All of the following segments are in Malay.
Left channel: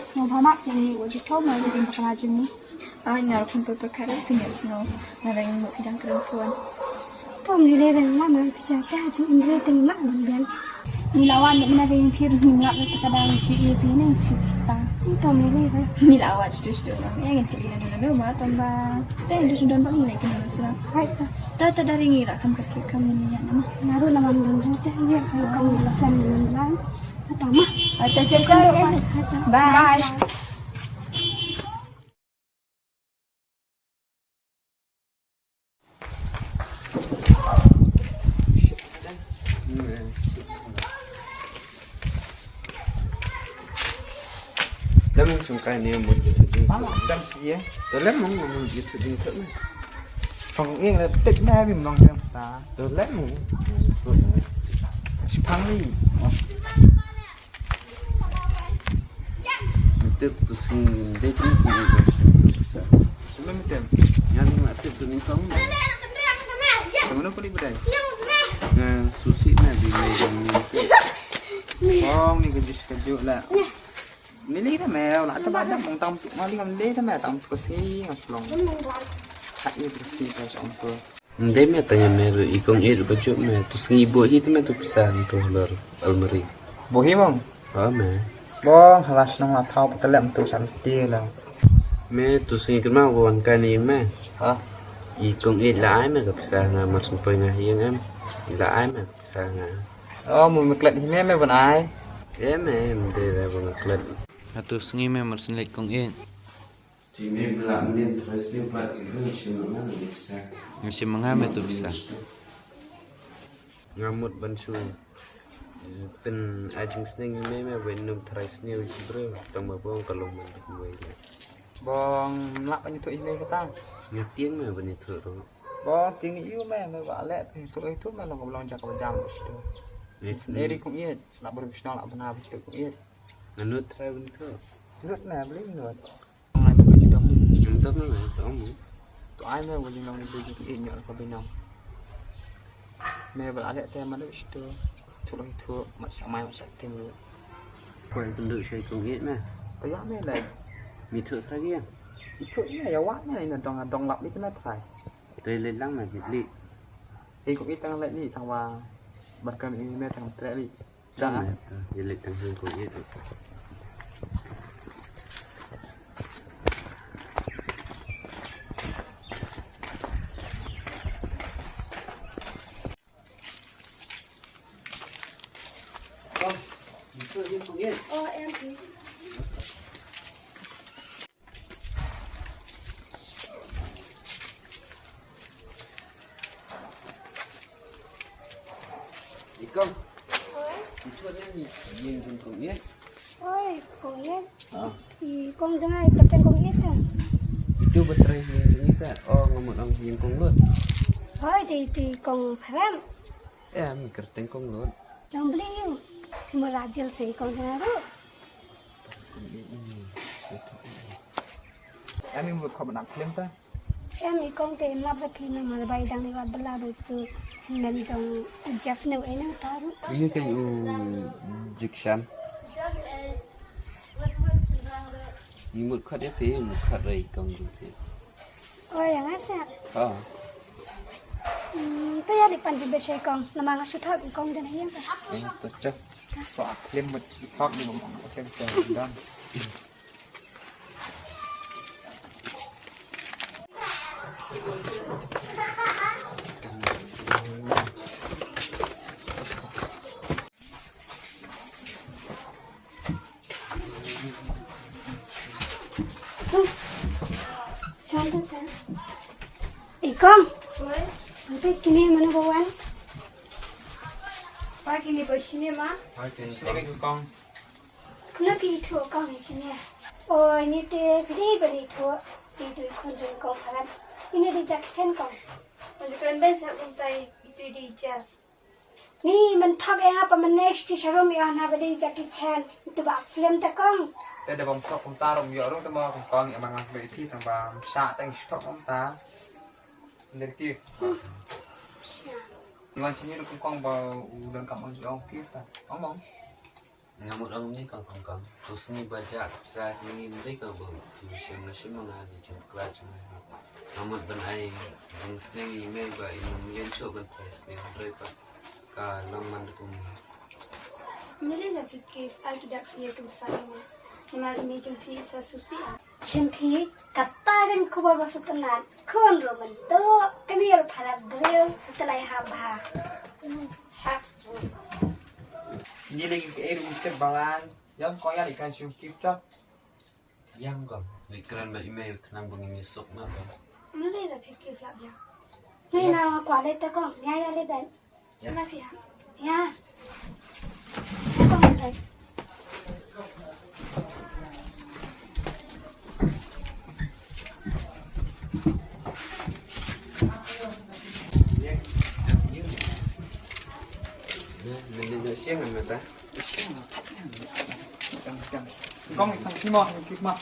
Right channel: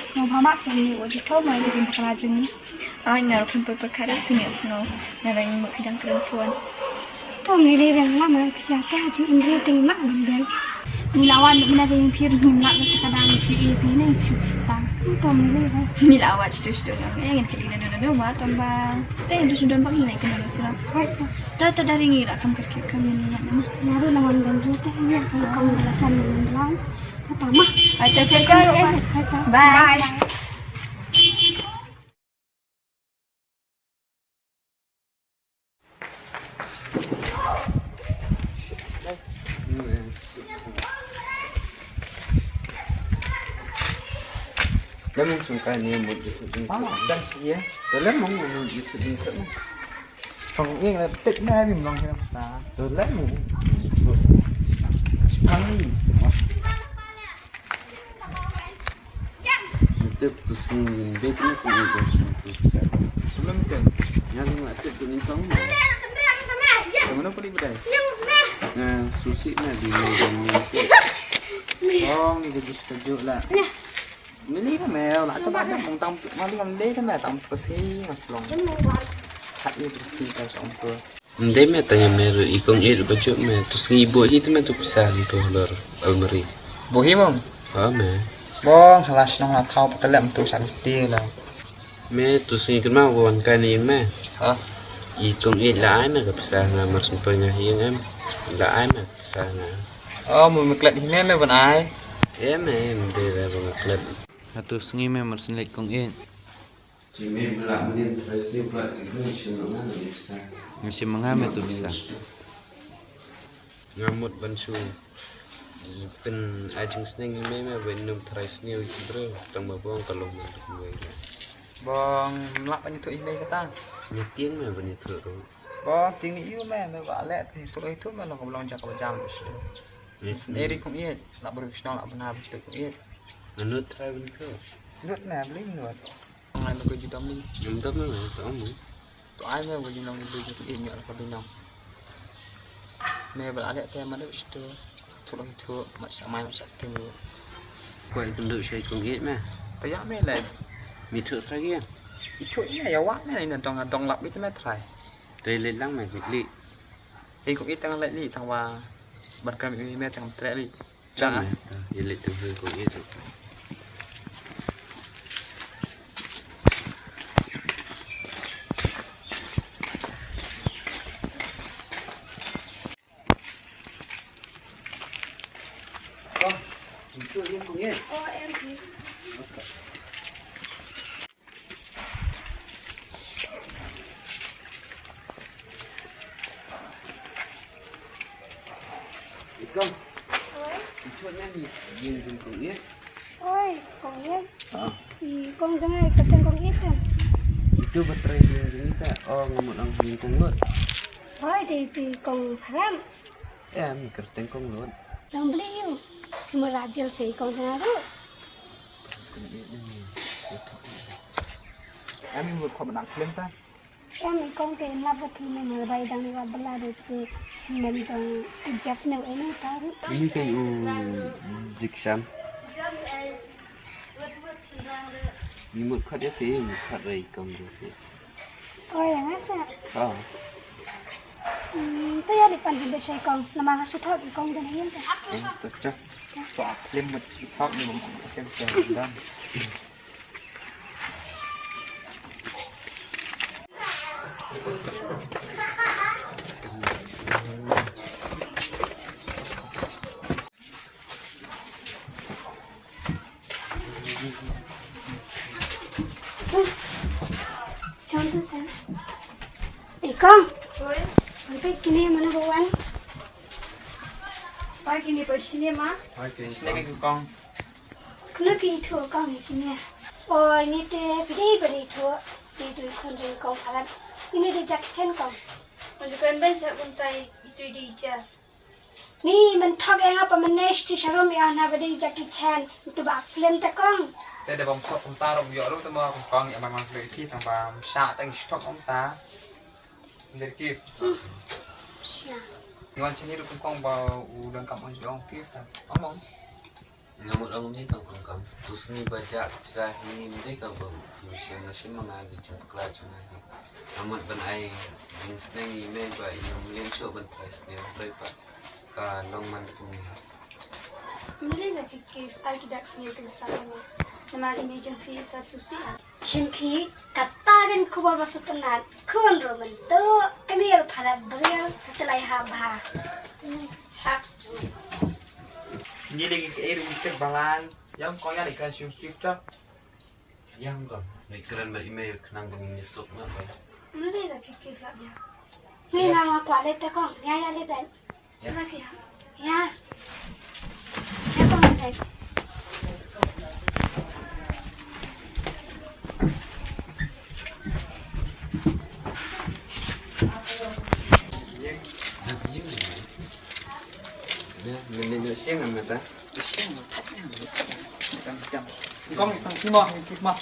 snow hamak sini wajib tahu mai di kerajaan ni. Ngaruh kumpul perkara punya snow ngarang mau hidang perempuan. Tahu ni dia lama bisa kaji Inggris tinggal dan Milawan nak ada impir himla kadang si EP ni sudah. Tahu ni dia. Mila awak tu yang kelina dulu ma tambah. Teh itu sudah bagi naik kena sira. Baik. Tata dari ngira kam kerja kami ni nama. Naru nama dan tu ya saya kamu belasan bulan. Apa mah? Atas kerja. Bye. Lemon sungkai ni một trăm xí á, tôi lấy mong mình dự định định cỡ này, còn yên là tích mẹ mình lòng theo ta, tôi lấy mong thắng đi, mình tiếp tục xin đây cái gì rồi, chúng nó mới tiền, nhà mình mà tiếp tục những phóng này, tụi nó có đi bên đây, sushi này thì mình còn tiếp, phong này cái gì cái là Mili kan mel, nak tempat dah mengtam mali kan dia kan tam kursi ngaslong. Hak dia kursi kau sampul. Ndai me tanya me ikong baju me terus ibu itu me tu pisah tu lor almari. Bohi bang. Me. Bang halas nong la thau petelem tu salti lah. Me tu sing kenal kawan kan yang me. Ha. Ikong la ai me ke pisah ngamar sampai ngahing em. La ai me pisah ngah. Oh, mu klet hi me ban ai. Me mde la bang klet. Atu sengi me marsin lek kong Chỉ mình làm nên terus dia buat itu cuma dia bisa. Ngasih mengame tu bisa. Ngamut bansu. Pen ajing seneng me benum terus ni bro. Tang babong kalau manduk buai. Bang lak banyak tu email kata. Nyetiang me banyak tu. Bang tinggi you me ba lek tu itu me lo belum jak jam situ. Sendiri kong iet, nak berwisna nak benar betul kong iet. Anut try begitu. Nut me beli nut. Chúng ta mới phải tổng Tụi ai mẹ vừa dùng lòng đi cho ít nhọn là bên lòng mẹ vừa lại tem mà nó biết chưa thuộc là thua mà sáng mai mà sẽ thêm nữa quay con tự chơi con ghét mẹ tôi dám mẹ lại bị thua thay kia ít thua ít này quá mẹ này là đồng lập biết mẹ thầy đây lên lăng mẹ bị lị thì cũng ít tăng lại đi thằng bà bật cái mẹ thằng trẻ đi ra vậy lị từ hơi con ghét rồi Em thì Công chuyện em nhìn dùng con biết ôi con biết thì con ra ngay tập tên con biết à itu betul ini tak ngomong orang nhìn con luôn thôi thì con phải làm em kerteng con luôn làm beli yuk cuma rajil sih con ra rồi em một khoản nặng lên ta em thì con tiền là bất kỳ mình mà bay đang đi vào bela được từ mình trong Jeff nếu ấy nó ta ini kayak jiksan ni một khát đẹp thế một khát rầy công được ôi yang asa tôi ya di panji besai con là mang số thợ con cho nên ta tôi chắc tọa lên một thóc đi một cái tiền đó Contoh saya. Con. Nanti kini mana bawa? Wah kini bersini mah. Đây con. Kena pergi tu con kini. Oh ini teh beri tu. Itu kunjung kau kalah. Ini di jaket con. Kalau kau besar untai itu di Jeff. Ni mentok yang apa menes di showroom yang nak beri jaket itu bak film tak con. Đây là vòng thọc ông ta đồng dọ lúc ta mơ cùng con nhẹ bằng lưỡi thi thằng bà xạ tay thọc ông ta lên kia ngon xin được con vào đường cầm ông gì ông kia ta ông ngamut orang ni tang kong terus ni baca sahi mesti kau macam nasi mengaji jengkla cuma ngamut ban ai jeng seneng email ba ino melian show ban price ni berapa ka long man tu ni Mili lagi kif lagi dak sini kan saya nama ini jempi saya susi jempi kata kan kubar masuk tenat kon roman tu kami harus padat berial setelah habah Ini lagi ke air untuk balan yang kau yang ikan syukif tak yang kau ikan ban email kenang bangin nyesok na ba Mili lagi kif lah dia ni nama kualit tak kong ya lebat lagi ya kong lebat mình xem mà ta Con thằng Kim Mò, Kim Mò.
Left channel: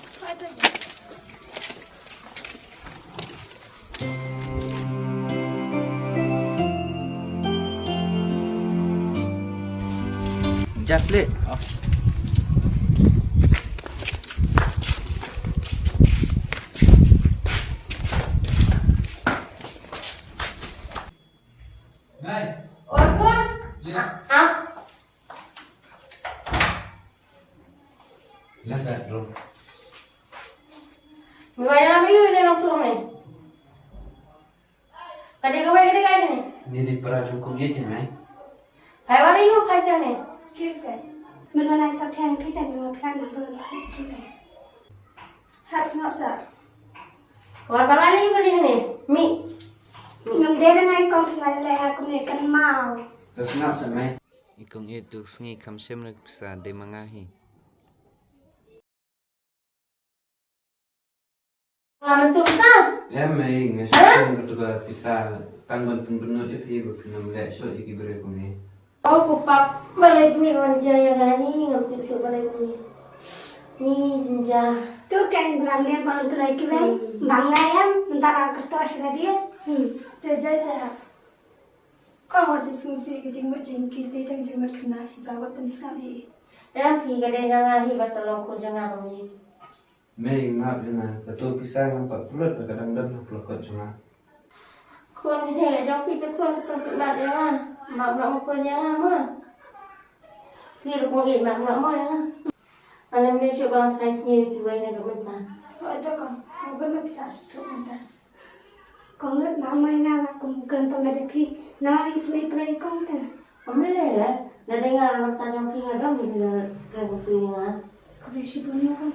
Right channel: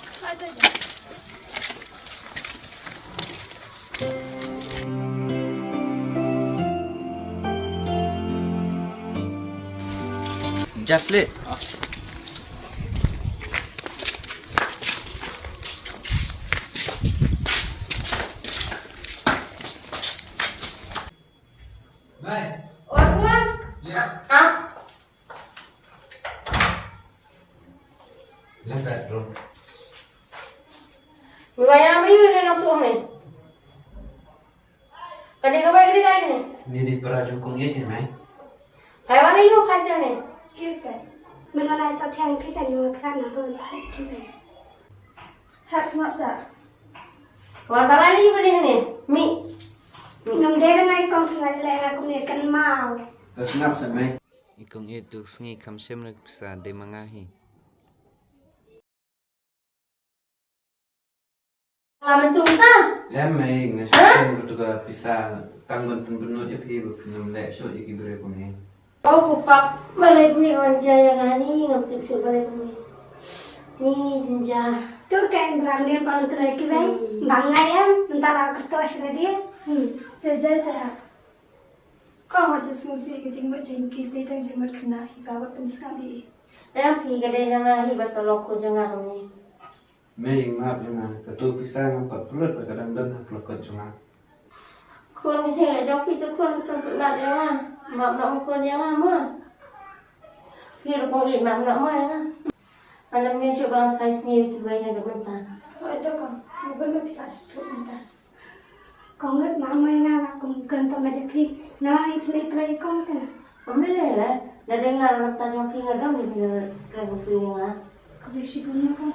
Jaflet Yes, bro. Gaya apa you ni nak tuang ni? Kadang kau bagi dia ni. Ni di perajukung ye mai. Hai mana you kasih ni? kif kan mana saya tiang pi kan yang peran nama baik kif Hap snap sa. Kau apa ni you kali ni? Mi. Nung dere nai kong tengah le aku mekan mau. Terus ngap sa mai. Ikong itu sengi kam sem nak bisa de mangahi. Lama tu betul. Ya mai ngasih tu ka bisa tanggon penbenut je pi berpinam le so iki bere ko ni. Kau kupap balai ni orang jaya gani ngam tip show balai ni. Ni jinja. Tu kan berangin pada tu lagi ben. Bangai am entar aku tu asal dia. Jajah saya. Kau wajib sungsi ke jenggot jengkit tentang jenggot kena si kawat penskami. Dalam pi kadang jangan hi basal loko jangan kami. Mai maaf jangan betul bisa nampak pulut kadang-kadang pelokot cuma. Kau ni saya jauh pi tu kau perlu nak dia mah. Mak nak kau dia mah. Pi rupang ini mak nak mah ya. Alam dia cuba try sendiri kita ini dah mentah. Oh itu kau. Sebenarnya kita setuju mentah. Kong ngat nama yang aku mungkin tu macam pi. Nama isli play kong tu. Ambil lah. Dah dengar anak tajam pi ngadam ni kena pi ngah. Kau besi punya kan.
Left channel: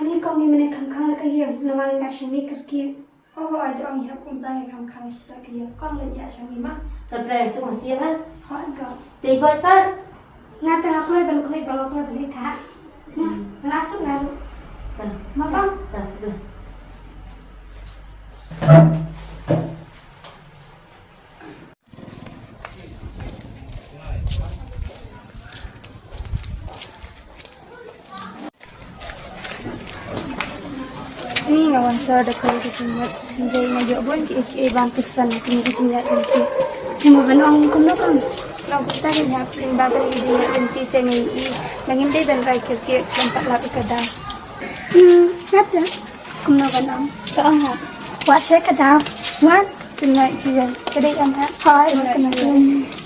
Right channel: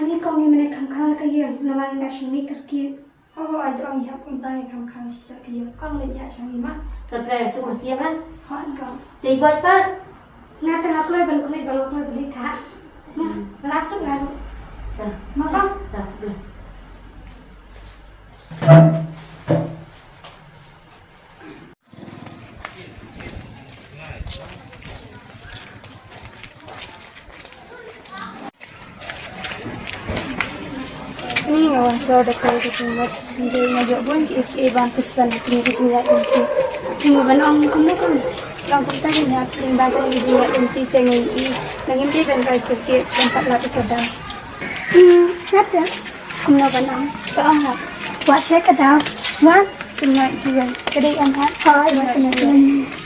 Ani kong ni mana kang lagi yang nama nasi ni kerja. Oh ada orang yang pun tanya kamu siapa dia. Kau lihat ya macam ni mah. Terus semua siapa? Hot kau. Tiga empat. Nah tengah kulit ban kulit kalau kulit beli tak. Nah langsung lalu. Dah. Mama. Dah. Boleh. Ni ngawan saya dekat tempat dia ngajak pun ke bantusan kini kejiat nanti. Cuma ban orang kuno kan. Kalau kita ni ya paling banyak kejiat nanti tengi dengan dia dan baik ke tempat lagi kadang. Ada. Kuno ban orang. Tak ah. Wah saya kadang. Wah. Tengah juga. Kedai anak. Hai. Tengah